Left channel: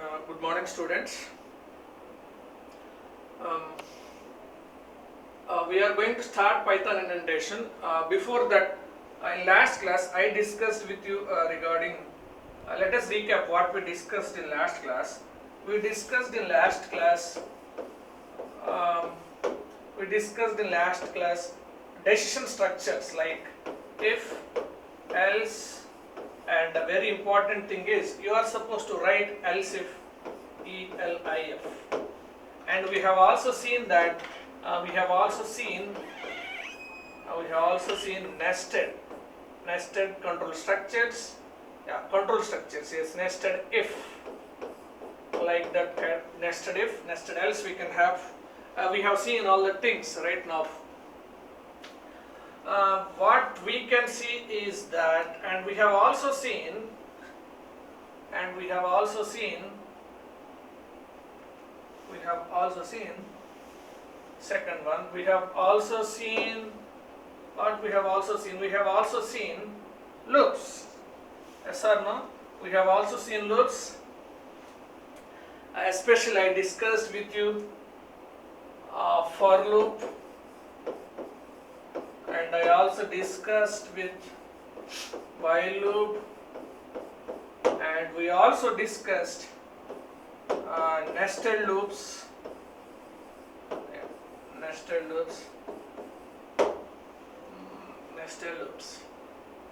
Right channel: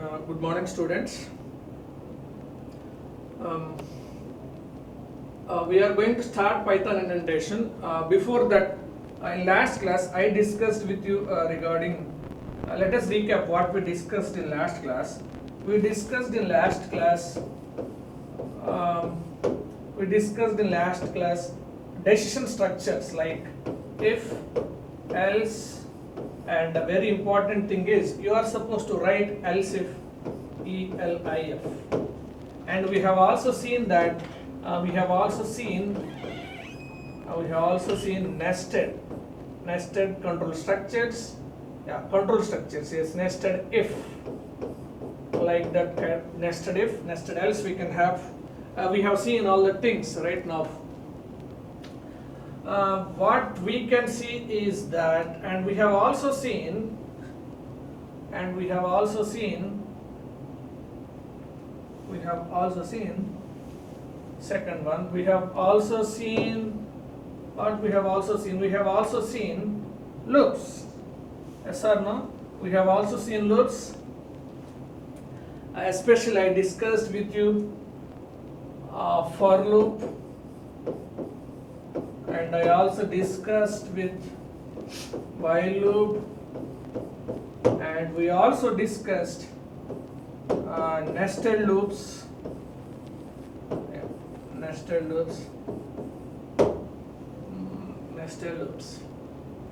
Good morning, students. Um, we are going to start Python indentation. Before that, in last class, I discussed with you regarding. Let us recap what we discussed in last class. We discussed in last class. Um, we discussed in last class decision structures like if, else, and a very important thing is you are supposed to write else if, ELIF. And we have also seen that we have also seen nested control structures. Yeah, control structures. Yes, nested if, like that kind, nested if, nested else. We can have. We have seen all the things right now. What we can see is that, and we have also seen, second one. We have also seen what we have also seen. We have also seen loops. Yes or no? We have also seen loops. Especially I discussed with you for loop, and I also discussed with while loop, and we also discussed nested loops. Nested loops,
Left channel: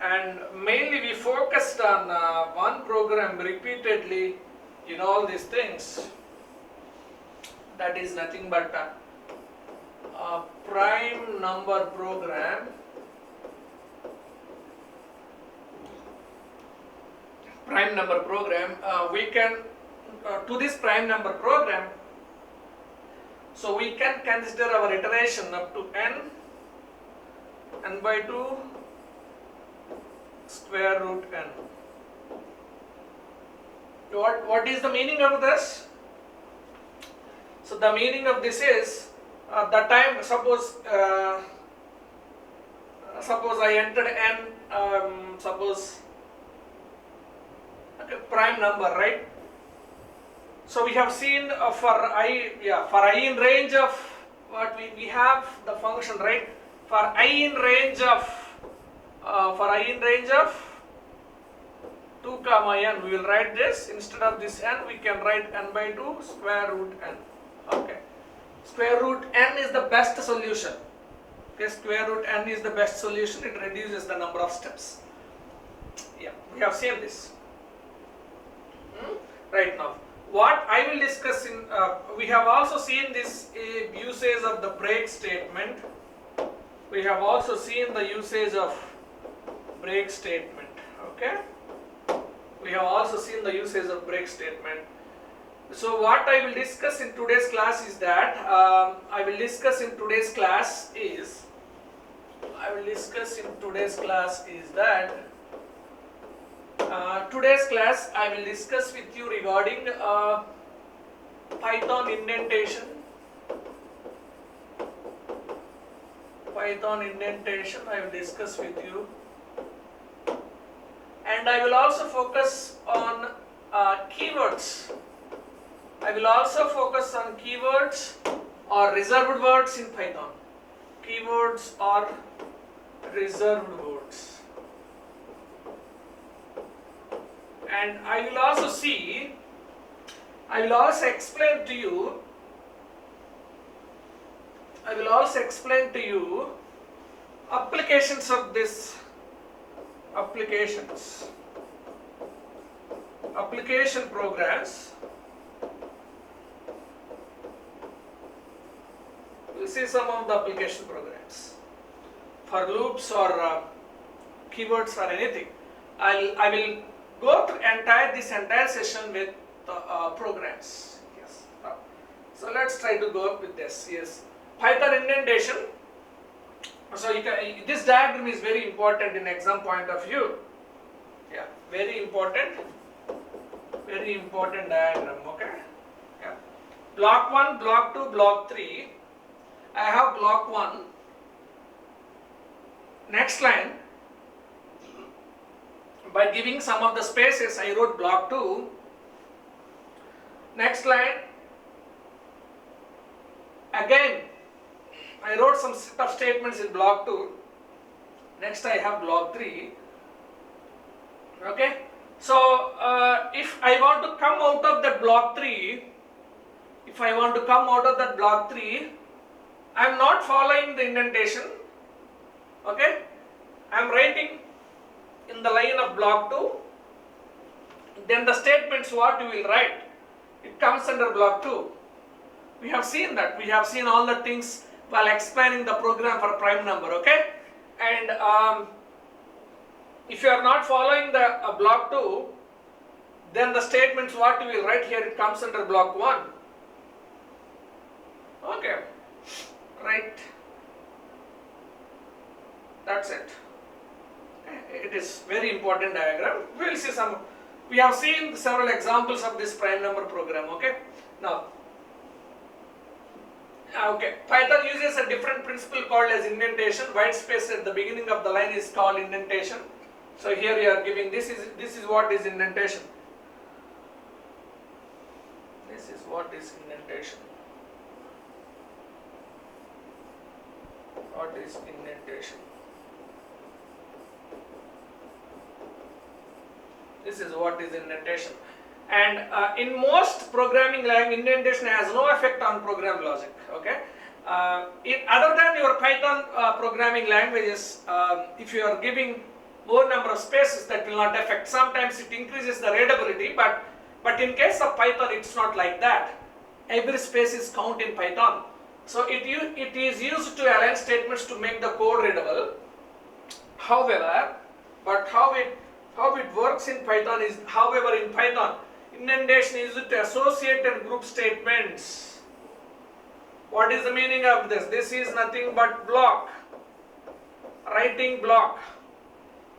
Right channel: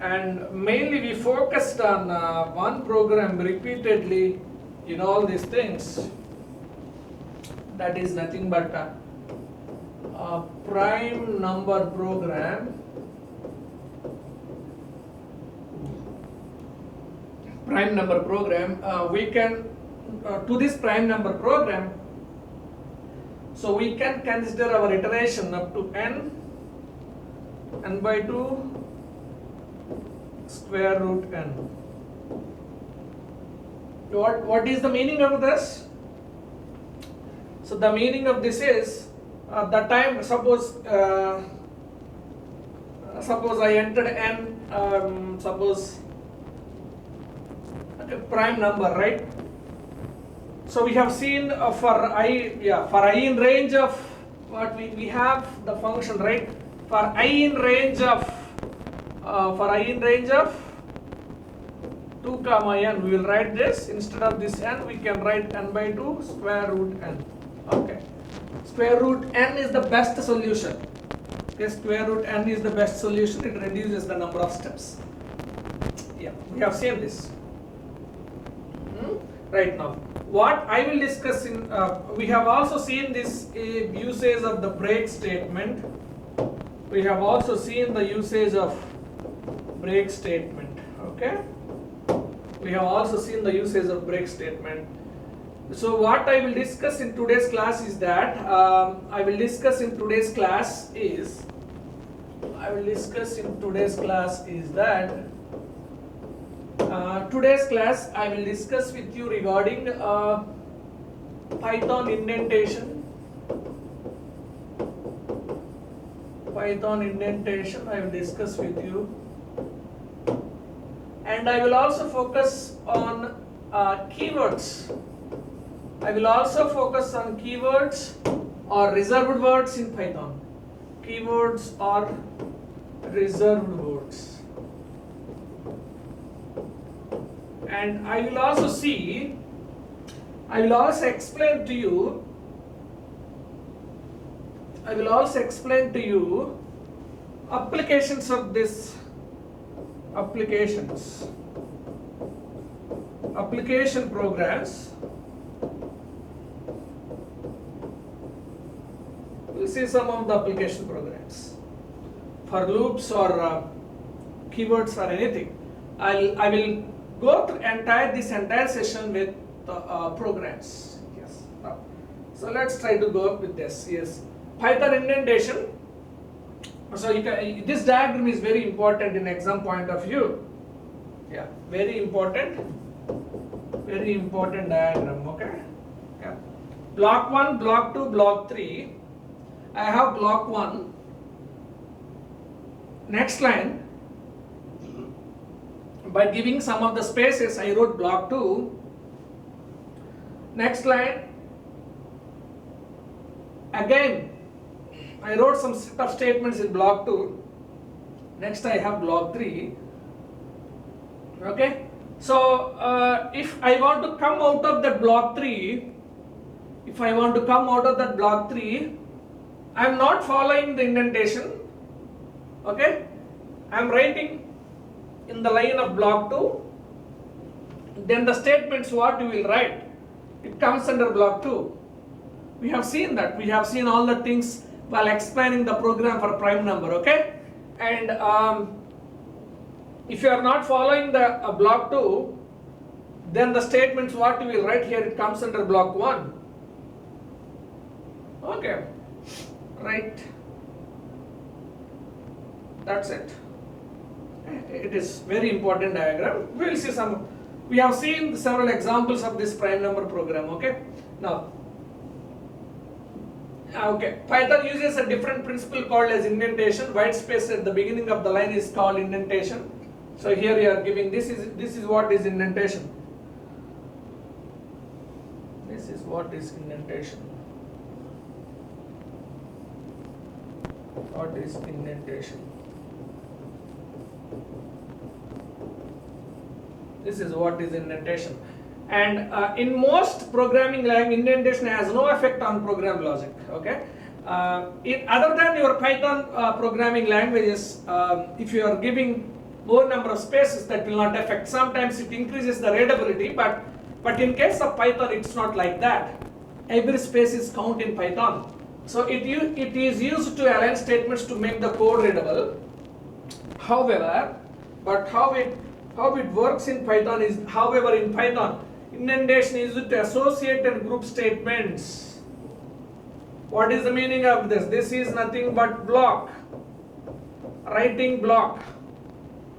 and mainly we focused on one program repeatedly in all these things. That is nothing but a prime number program. We can to this prime number program. So we can consider our iteration up to n by 2 square root n. What is the meaning of this? So the meaning of this is the time, suppose I entered n, suppose prime number, right? So we have seen for I in range of what we have the function, right? For I in range of 2 comma n, we will write this. Instead of this n, we can write n by 2 square root n. Okay, square root n is the best solution. Okay, square root n is the best solution. It reduces the number of steps. Yeah, we have seen this. Right now, what I will discuss in, we have also seen this usage of the break statement. We have also seen the usage of break statement. Okay, we have also seen the usage of break statement. So what I will discuss in today's class is that today's class I will discuss with you regarding Python indentation. I will discuss with you, and I will also focus on keywords. I will also focus on keywords or reserved words in Python. Keywords or reserved words. And I will also explain to you applications of this application programs. We'll see some of the application programs for loops or keywords or anything. I will go through this entire session with programs. Yes. So let's try to go up with this. Yes, Python indentation. So this diagram is very important in exam point of view. Yeah, very important diagram. Okay. Yeah. Block 1, block 2, block 3. I have block 1. Next line. By giving some of the spaces, I wrote block 2. Next line, again I wrote some set of statements in block 2. Next I have block 3. Okay, so if I want to come out of that block 3, I am not following the indentation. Okay, I am writing in the line of block 2. Then the statements what you will write, it comes under block 2. We have seen that. We have seen all the things while explaining the program for prime number. Okay, and if you are not following the block 2, then the statements what you will write here, it comes under block 1. Okay, right. That's it. It is very important diagram. We will see some. We have seen several examples of this prime number program. Okay, now. Okay, Python uses a different principle called as indentation. White space at the beginning of the line is called indentation. So here you are giving this is what is indentation. This is what is indentation. What is indentation? This is what is indentation. And in most programming language, indentation has no effect on program logic. Okay. Other than your Python programming languages, if you are giving more number of spaces, that will not affect. Sometimes it increases the readability, but in case of Python, it's not like that. Every space is count in Python. So it is used to align statements to make the code readable. However, how it works in Python is, however, in Python, indentation is used to associate and group statements. What is the meaning of this? This is nothing but block. Writing block.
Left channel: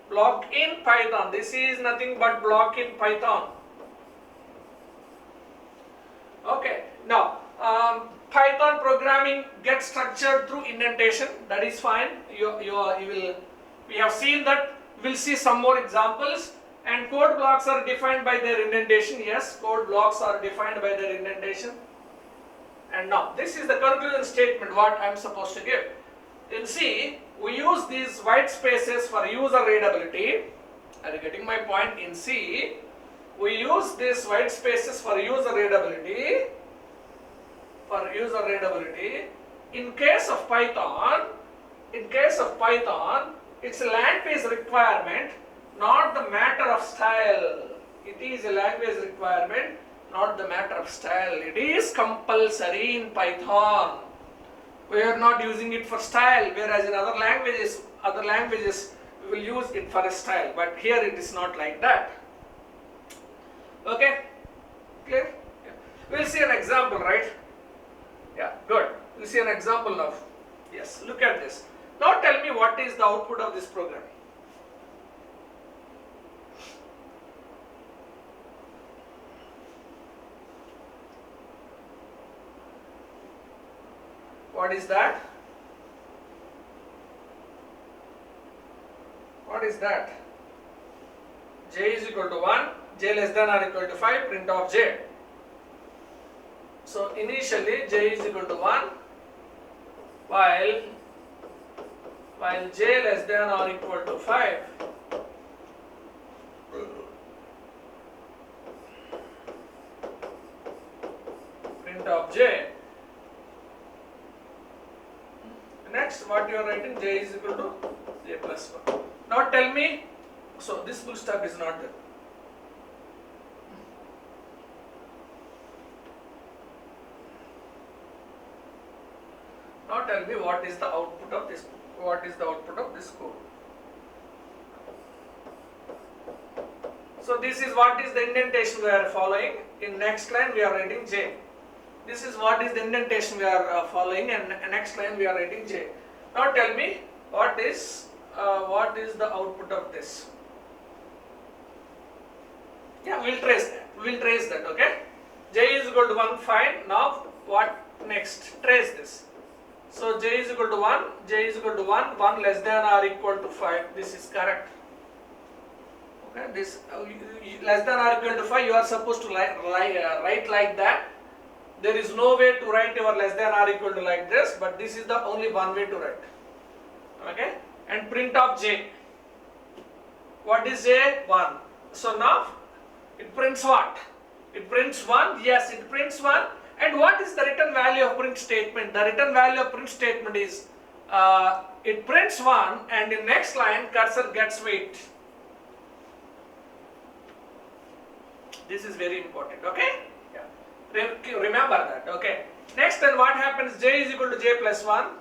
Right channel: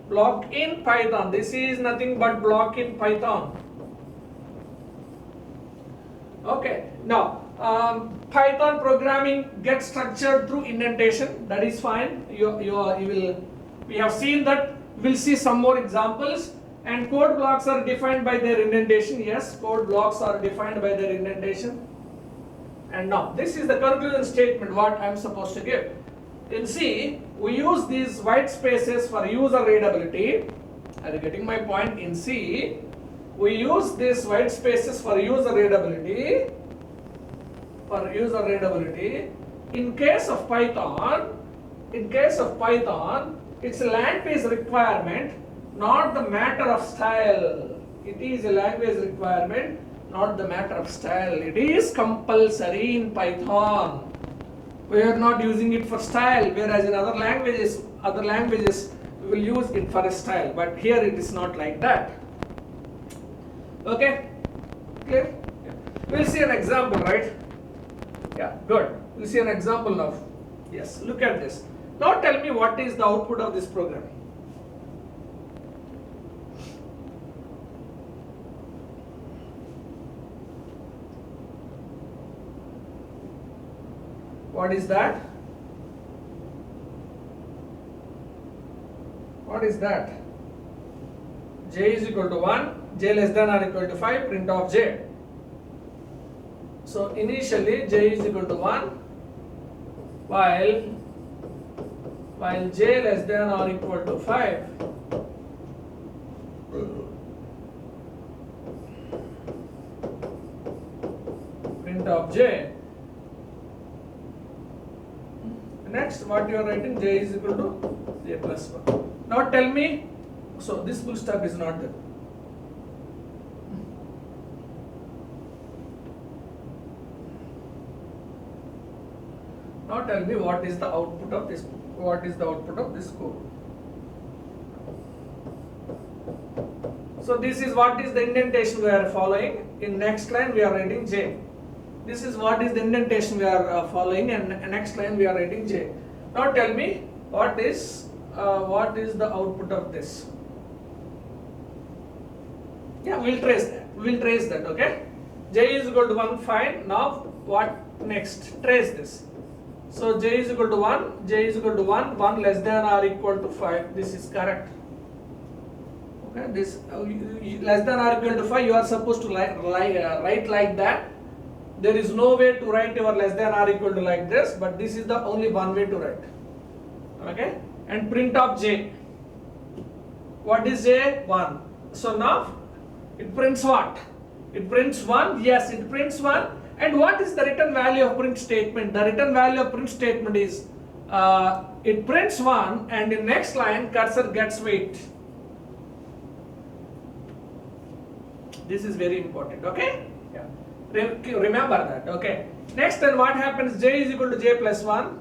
Block in Python. This is nothing but block in Python. Okay. Now, Python programming gets structured through indentation. That is fine. We have seen that. We'll see some more examples. And code blocks are defined by their indentation. Yes, code blocks are defined by their indentation. And now, this is the conclusion statement what I am supposed to give. In C, we use these white spaces for user readability. Are you getting my point? In C, we use these white spaces for user readability. In case of Python, it's a language requirement, not the matter of style. It is a language requirement, not the matter of style. It is compulsory in Python. We are not using it for style, whereas in other languages we will use it for a style. But here it is not like that. Okay? Clear? Yeah. We'll see an example, right? Yeah, good. We'll see an example now. Yes, look at this. Now tell me what is the output of this program. What is that? What is that? J is equal to 1, j less than or equal to 5, print of j. So initially j is equal to 1 while j less than or equal to 5. Print of j. Next, what you are writing, j is equal to j plus 1. Now tell me, so this full stop is not there. Now tell me what is the output of this code. So this is what is the indentation we are following. In next line we are writing j. This is what is the indentation we are following, and next line we are writing j. Now tell me what is the output of this. Yeah, we'll trace that. Okay. J is equal to 1. Fine. Now what next? Trace this. So j is equal to 1. 1 less than or equal to 5. This is correct. Okay, this less than or equal to 5, you are supposed to write like that. There is no way to write your less than or equal to like this, but this is the only one way to write. Okay, and print of j. What is j? 1. So now it prints what? It prints 1. Yes, it prints 1. And what is the return value of print statement? The return value of print statement is it prints 1, and in next line cursor gets weight. This is very important. Okay. Remember that. Okay. Next, then what happens? J is equal to j plus 1.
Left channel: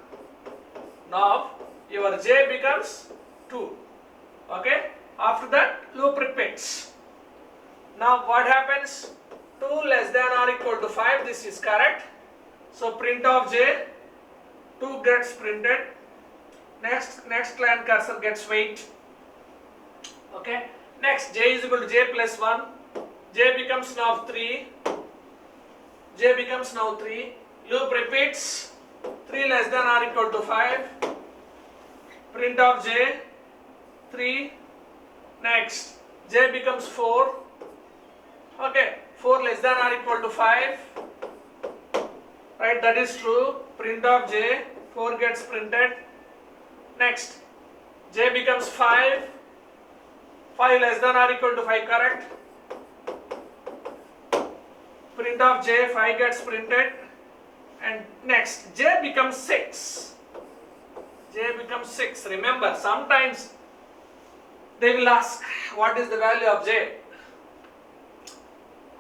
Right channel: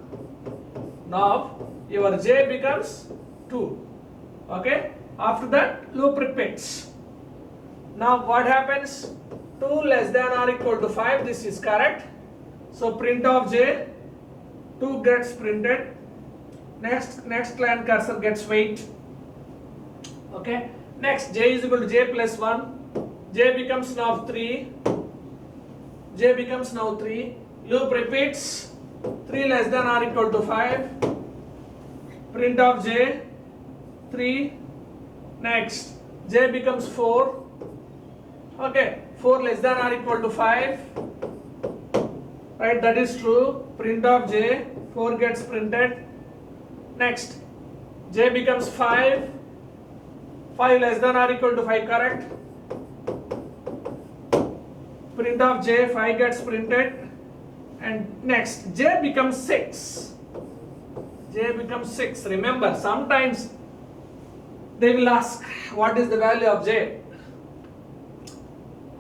Now your j becomes 2. Okay. After that, loop repeats. Now what happens? 2 less than or equal to 5. This is correct. So print of j, 2 gets printed. Next line cursor gets weight. Okay. Next, j is equal to j plus 1. J becomes now 3. J becomes now 3. Loop repeats. 3 less than or equal to 5. Print of j, 3. Next, j becomes 4. Okay, 4 less than or equal to 5. Right, that is true. Print of j, 4 gets printed. Next, j becomes 5. 5 less than or equal to 5, correct? Print of j, 5 gets printed. And next, j becomes 6. J becomes 6. Remember, sometimes they will ask what is the value of j.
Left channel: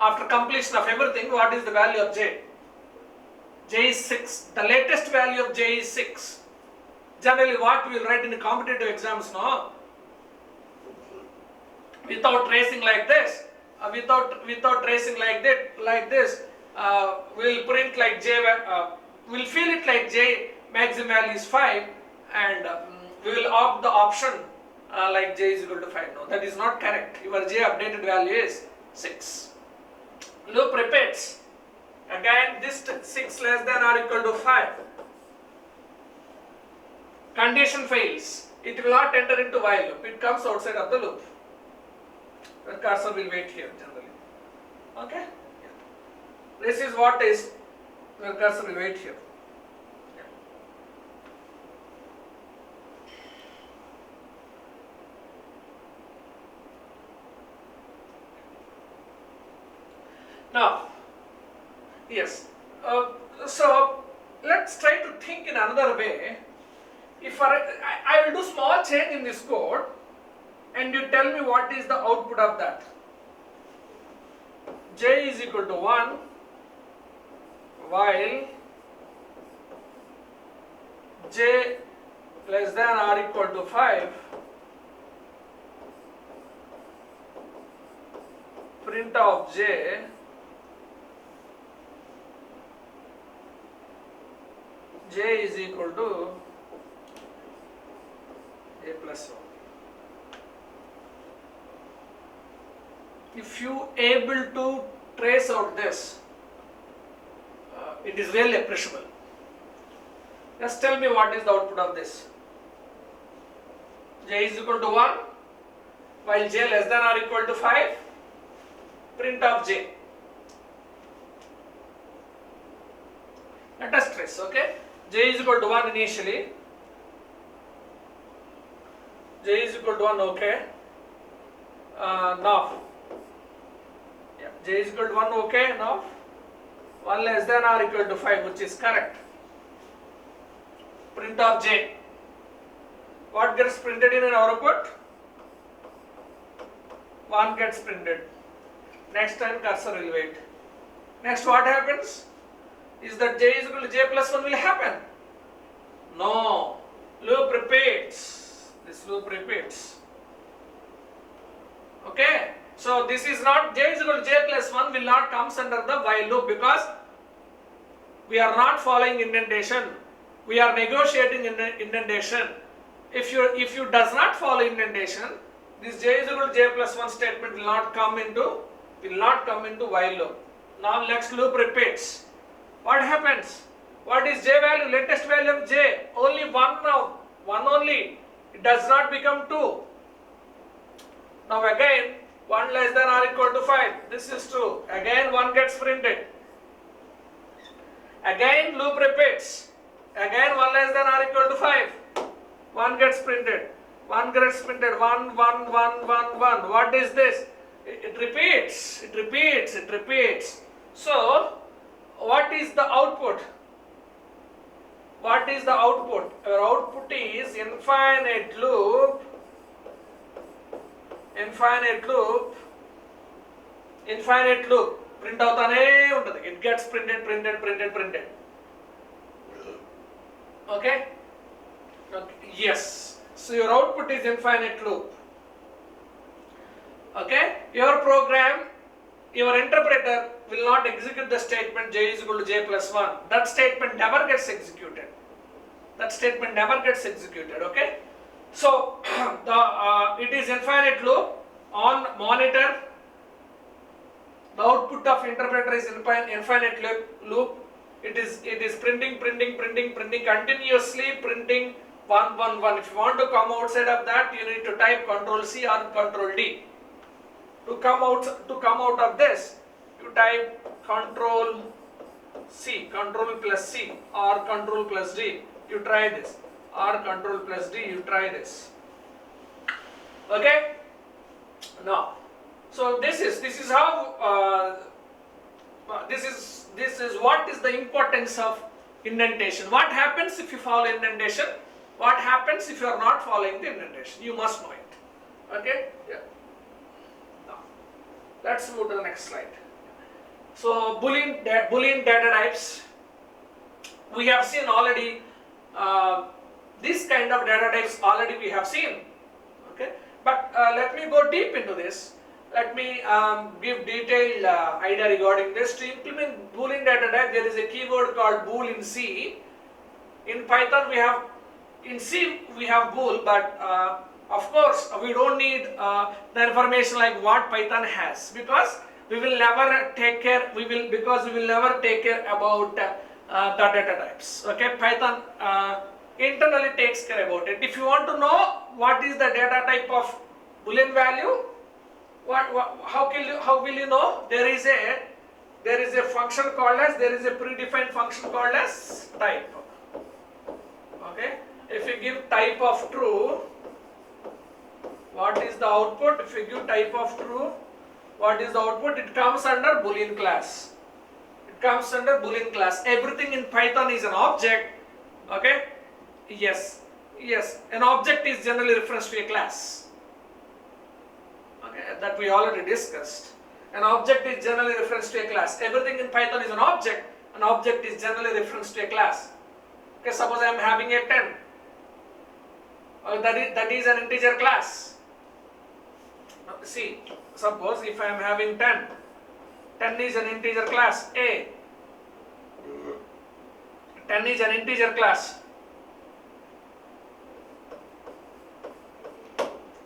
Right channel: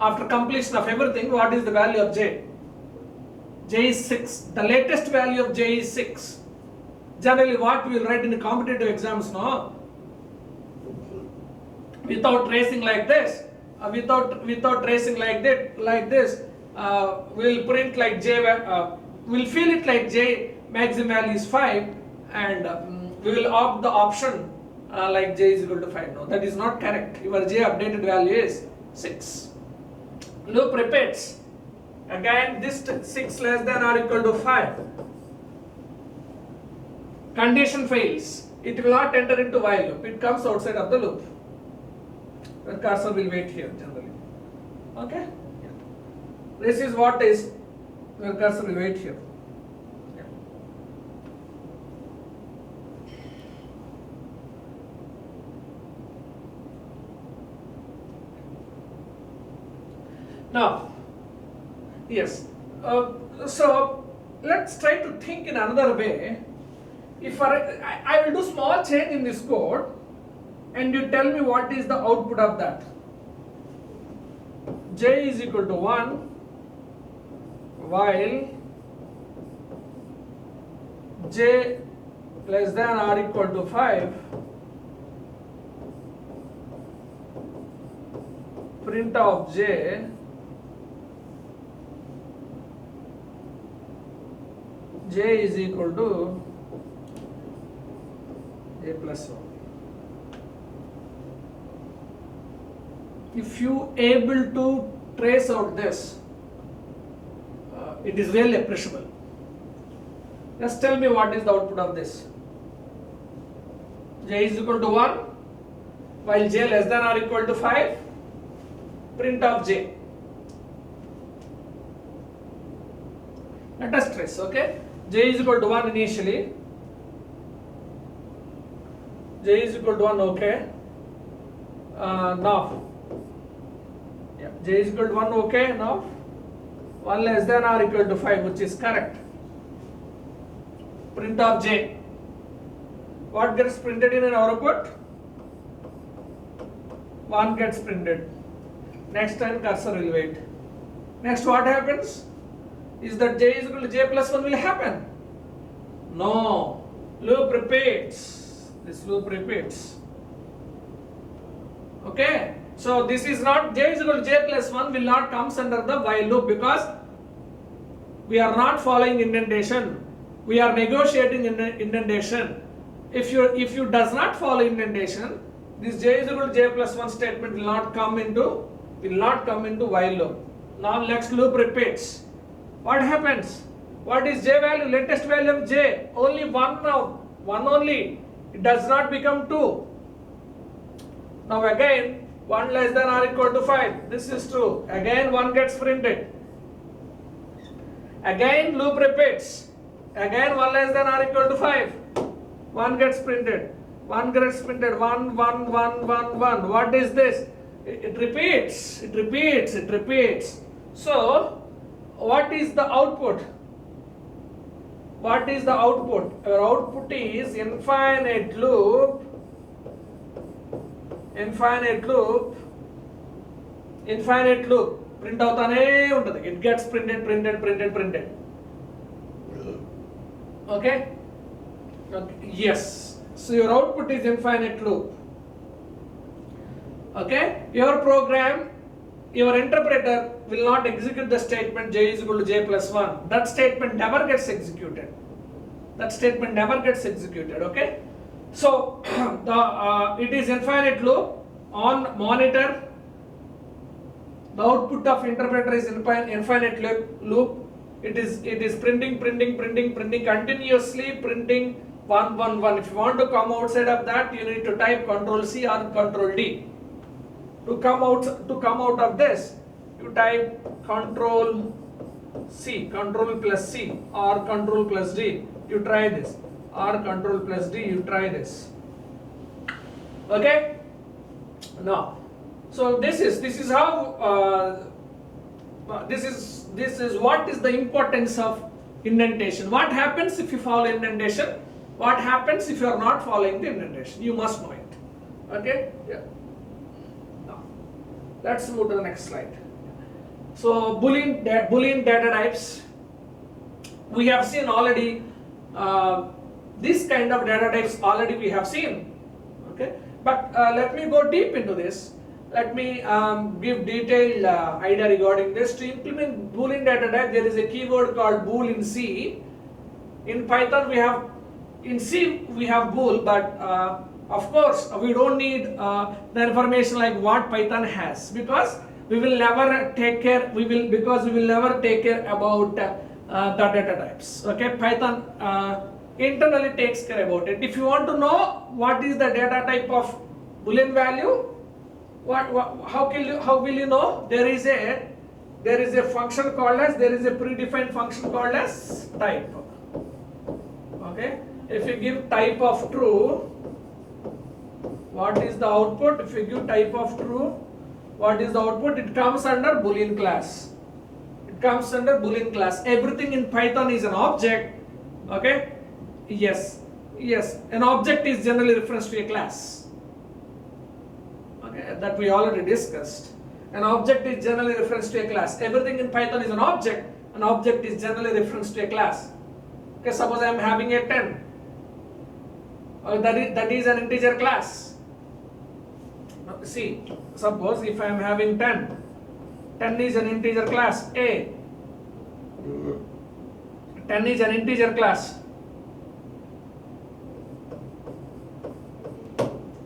After completion of everything, what is the value of j? J is 6. The latest value of j is 6. Generally, what we will write in the competitive exams, no? Without tracing like this, without tracing like this, we'll print like j. We'll fill it like j maximum value is 5, and we will opt the option like j is equal to 5. No, that is not correct. Your j updated value is 6. Loop repeats. Again, this 6 less than or equal to 5. Condition fails. It will not enter into while loop. It comes outside of the loop. The cursor will wait here generally. Okay? Yeah. This is what is where cursor will wait here. Yeah. Now, yes. So let's try to think in another way. If I will do small change in this code, and you tell me what is the output of that. J is equal to 1 while j less than or equal to 5, print of j is equal to j plus 1. If you able to trace out this, it is really appreciable. Just tell me what is the output of this. J is equal to 1 while j less than or equal to 5, print of j. Let us trace, okay? J is equal to 1 initially. J is equal to 1, okay? Now, yeah, j is equal to 1, okay? Now, 1 less than or equal to 5, which is correct. Print of j. What gets printed in our output? 1 gets printed. Next time cursor will wait. Next, what happens? Is that j is equal to j plus 1 will happen? No. Loop repeats. This loop repeats. Okay. So this is not j is equal to j plus 1 will not comes under the while loop, because we are not following indentation. We are negotiating indentation. If you does not follow indentation, this j is equal to j plus 1 statement will not come into while loop. Now next loop repeats. What happens? What is j value? Latest value of j only 1 now. 1 only. It does not become 2. Now again 1 less than or equal to 5. This is true. Again 1 gets printed. Again loop repeats. Again 1 less than or equal to 5. 1 gets printed. 1 gets printed. 1, 1, 1, 1, 1. What is this? It repeats. It repeats. It repeats. So what is the output? What is the output? Our output is infinite loop. Infinite loop. Infinite loop. Print avutane untadi. It gets printed, printed, printed, printed. Okay? Okay? Yes. So your output is infinite loop. Okay? Your program, your interpreter will not execute the statement j is equal to j plus 1. That statement never gets executed. That statement never gets executed. Okay? So it is infinite loop. On monitor, the output of interpreter is infinite loop. It is printing continuously, printing 1, 1, 1. If you want to come outside of that, you need to type Control C or Control D. To come out of this, you type Control C, Control plus C or Control plus D. You try this, or Control plus D. You try this. Okay. Now, so this is how this is what is the importance of indentation. What happens if you follow indentation? What happens if you are not following the indentation? You must know it. Okay. Yeah. Now, let's move to the next slide. So Boolean data types. We have seen already. This kind of data types already we have seen. Okay. But let me go deep into this. Let me give detailed idea regarding this. To implement Boolean data type, there is a keyword called bool in C. In Python, in C we have bool, but of course we don't need the information like what Python has, because we will never take care. Because we will never take care about the data types. Okay, Python internally takes care about it. If you want to know what is the data type of Boolean value, how will you know? There is a function called as, there is a predefined function called as type. Okay, if you give type of true, what is the output? If you give type of true, what is the output? It comes under Boolean class. It comes under Boolean class. Everything in Python is an object. Okay. Yes, an object is generally reference to a class. Okay, that we already discussed. An object is generally reference to a class. Everything in Python is an object. An object is generally reference to a class. Okay, suppose I am having a 10. That is an integer class. Now, see, suppose if I am having 10 is an integer class A. 10 is an integer class.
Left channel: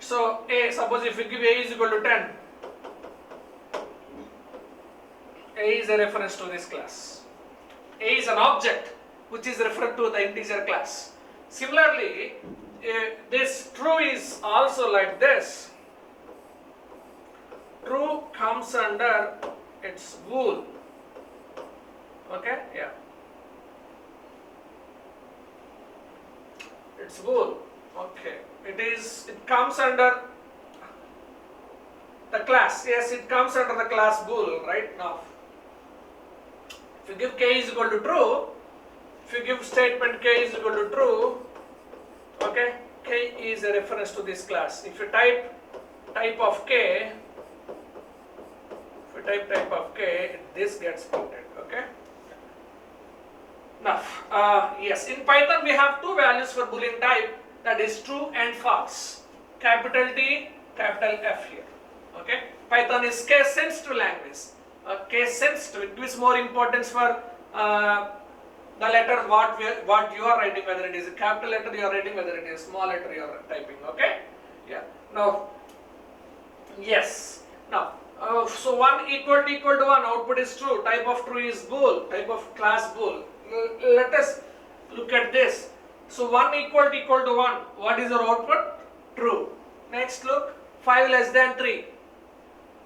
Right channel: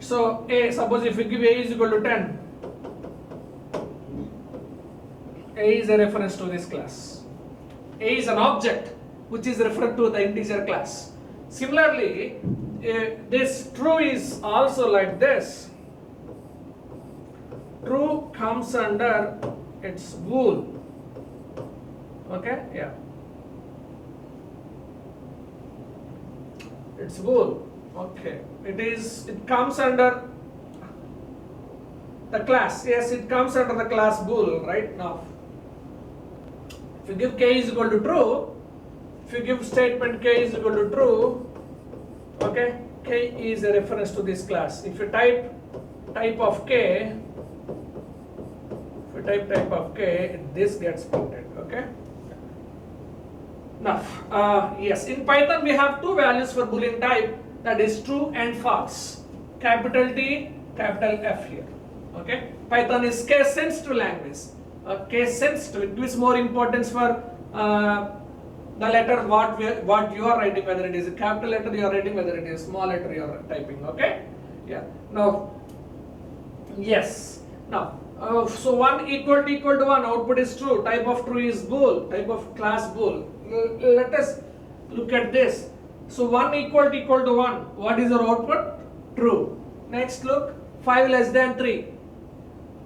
So A, suppose if we give A is equal to 10, A is a reference to this class. A is an object which is referred to the integer class. Similarly, this true is also like this. True comes under its bool. Okay, yeah. It's bool. Okay, it comes under the class. Yes, it comes under the class bool right now. If you give k is equal to true, if you give statement k is equal to true, okay, k is a reference to this class. If you type type of k, this gets printed. Okay. Now, yes, in Python we have two values for Boolean type, that is true and false. Capital T, capital F here. Okay. Python is case sensitive language. Case sensitive. It gives more importance for the letter what you are writing, whether it is a capital letter you are writing, whether it is small letter you are typing. Okay. Yeah. Now, yes. Now, so 1 equal to 1, output is true. Type of true is bool. Type of class bool. Let us look at this. So 1 equal to 1. What is our output? True. Next look. 5 less than 3.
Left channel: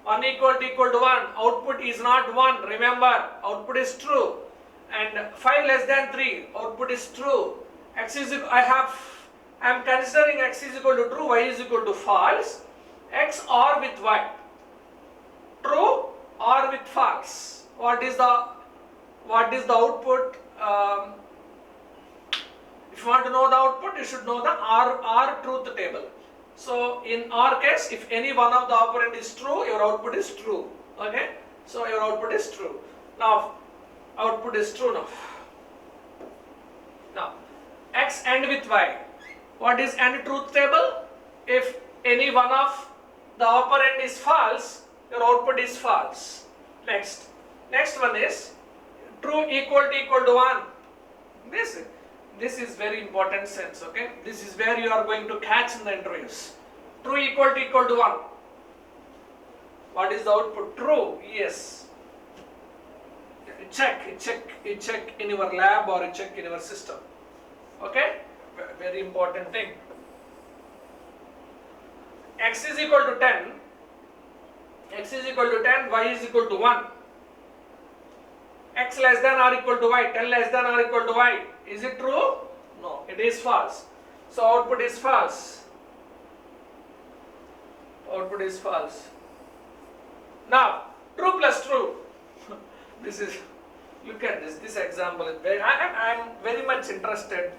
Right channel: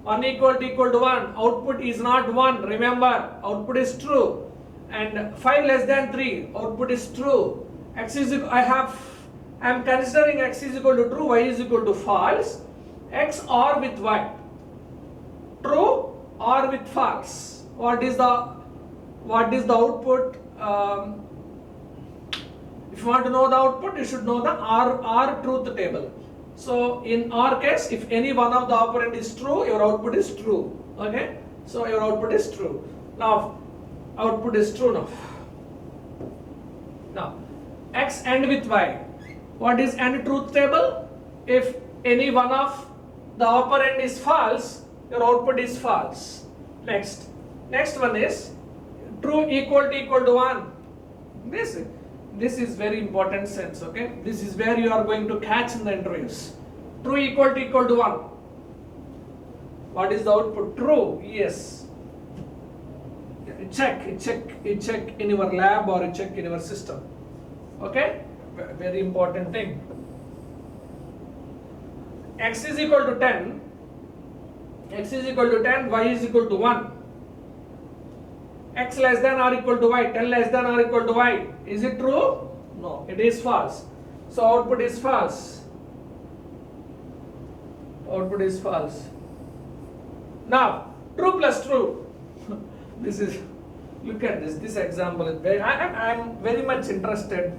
1 equal to 1. Output is not 1. Remember, output is true. And 5 less than 3. Output is true. X is equal, I am considering x is equal to true, y is equal to false. X or with y. True or with false. What is the output? If you want to know the output, you should know the R truth table. So in our case, if any one of the operand is true, your output is true. Okay? So your output is true. Now, output is true now. Now, x AND with y. What is AND truth table? If any one of the operand is false, your output is false. Next one is true equal to 1. This is very important sense, okay? This is where you are going to catch in the interviews. True equal to 1. What is the output? True, yes. You check in your lab or you check in your system. Okay? Very important thing. X is equal to 10. X is equal to 10, y is equal to 1. X less than or equal to y, 10 less than or equal to y. Is it true? No, it is false. So output is false. Output is false. Now, true plus true. This is, look at this example is very, I am very much interested.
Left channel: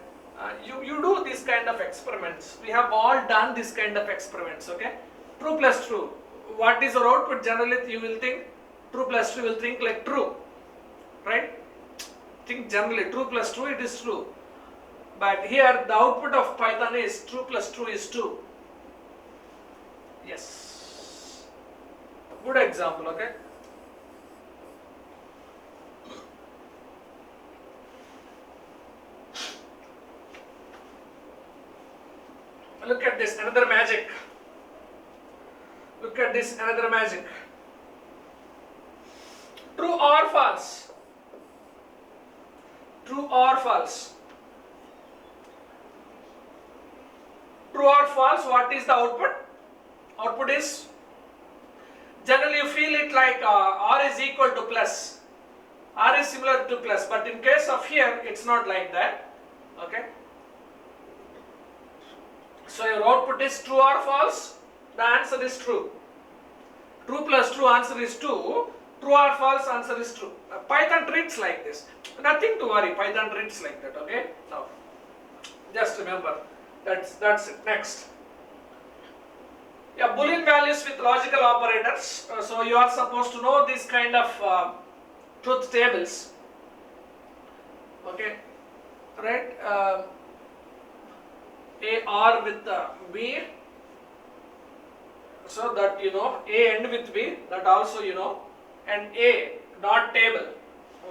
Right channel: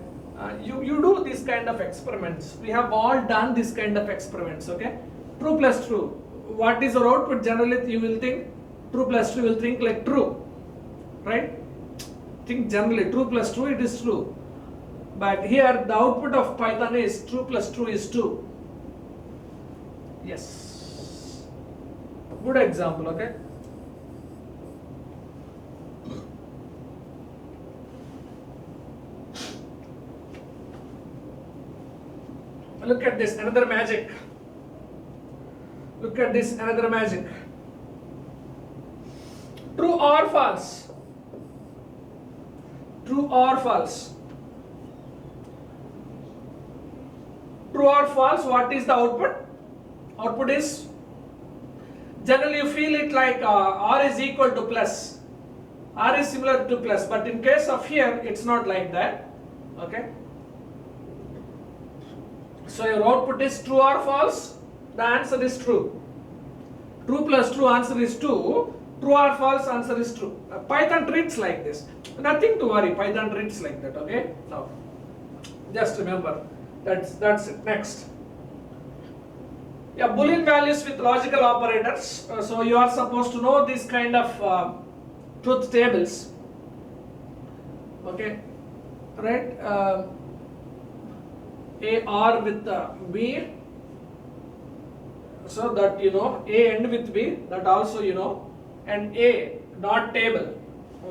You do this kind of experiments. We have all done this kind of experiments, okay? True plus true. What is your output? Generally, you will think true plus true, you will think like true. Right? Think generally true plus true, it is true. But here the output of Python is true plus true is 2. Yes. Good example, okay? Look at this, another magic. Look at this, another magic. True or false? True or false? True or false, what is the output? Output is, generally you feel it like R is equal to plus. R is similar to plus, but in case of here, it's not like that. Okay? So your output is true or false? The answer is true. True plus true, answer is 2. True or false, answer is true. Python treats like this. Nothing to worry, Python treats like that, okay? Now, just remember, that's it. Next. Yeah, Boolean values with logical operators. So you are supposed to know this kind of truth tables. Okay, right? A R with B, so that you know, A AND with B, that also you know, and A not table.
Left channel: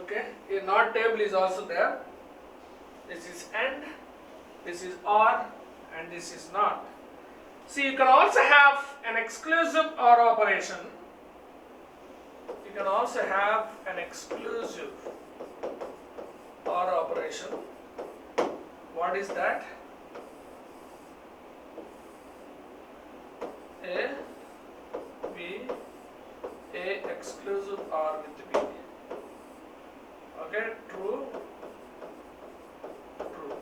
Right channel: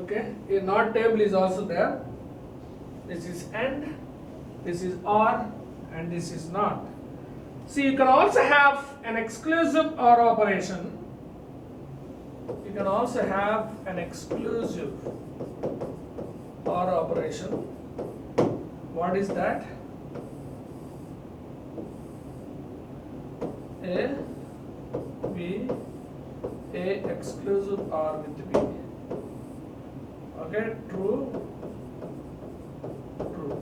Okay, a not table is also there. This is AND, this is OR, and this is NOT. See, you can also have an exclusive OR operation. You can also have an exclusive OR operation. What is that? A, B, A exclusive OR with B. Okay, true, true,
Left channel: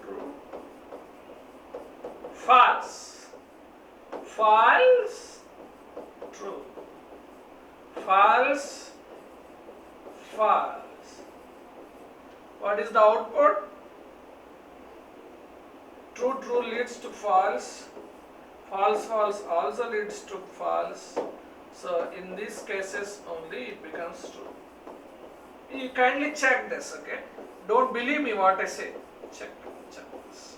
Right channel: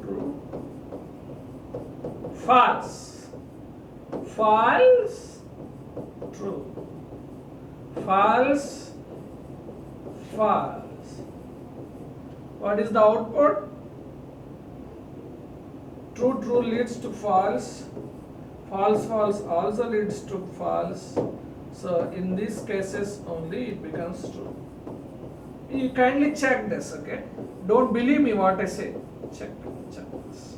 true, false, false, true, false, false. What is the output? True, true leads to false, false, false also leads to false. So in these cases only it becomes true. You kindly check this, okay? Don't believe me what I say. Check this.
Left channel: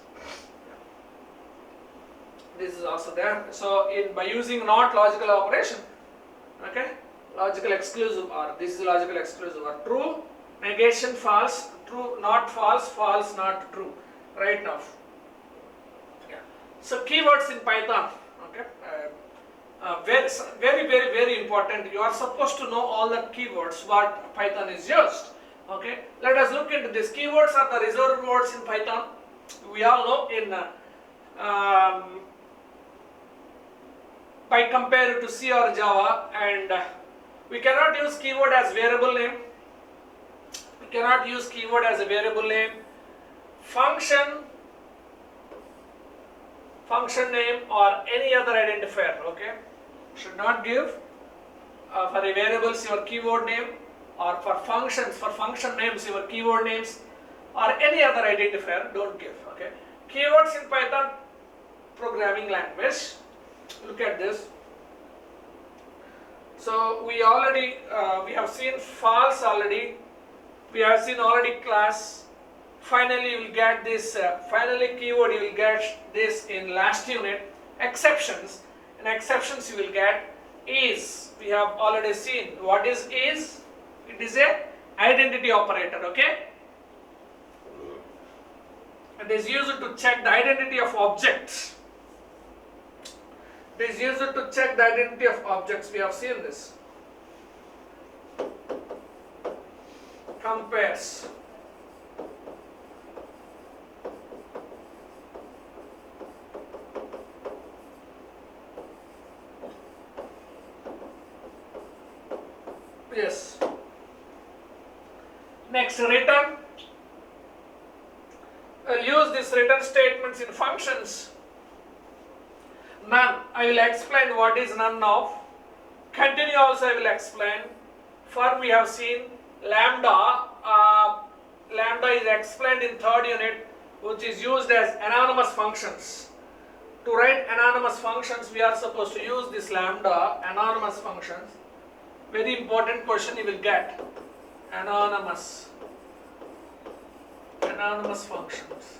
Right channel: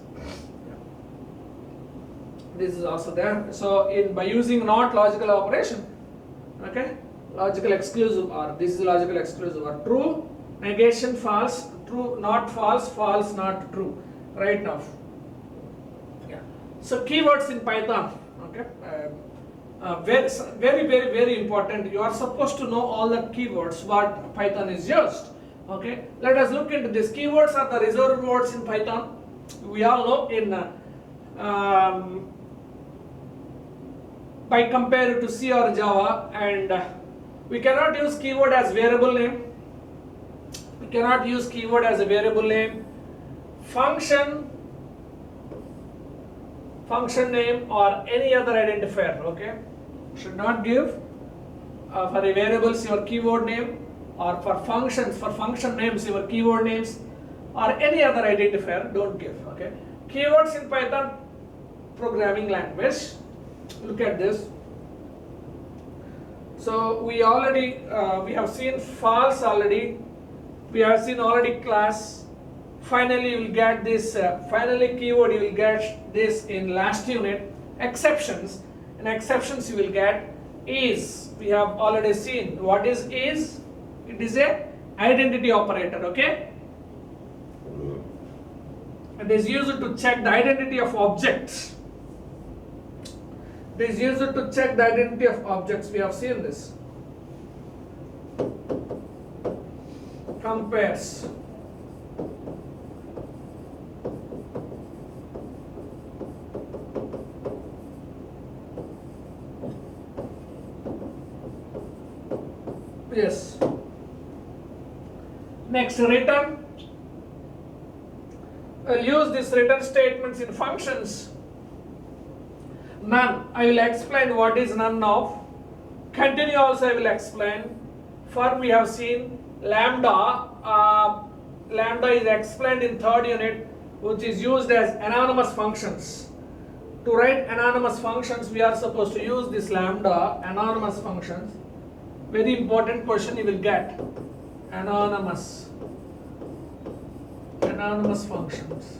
This is also there. So by using not logical operation, okay? Logical exclusive OR. This is logical exclusive OR. True, negation, false, true, not false, false, not true. Right now. Yeah. So keywords in Python, okay? Very important. You are supposed to know all the keywords what Python is used. Okay, let us look into this. Keywords are the reserved words in Python. We all know in by compared to C or Java, and we cannot use keyword as variable name. We cannot use keyword as a variable name. Function name or any other identifier. Okay, should not give for a variables your keyword name, or for function names your keyword names, or any other identifier. Don't give. Okay, keywords in Python programming language. Look at this. So we already we have seen false already. We have seen already class. Finally you will get this finally keyword you will get this in last unit. Exceptions. In exceptions you will get is. We have already seen what is. It is a identity operator. Okay, it is used to check the identity of objects. It is used to check the identity of objects. We have seen this. Compares. Yes. Next, return. I'll use these return statements in functions. None. I will explain what is none of. Continue also I will explain. For we have seen lambda. Lambda is explained in third unit, which is used as anonymous functions. To write anonymous functions, we are supposed to use this lambda, anonymous functions. Very important question you will get. Anonymous functions.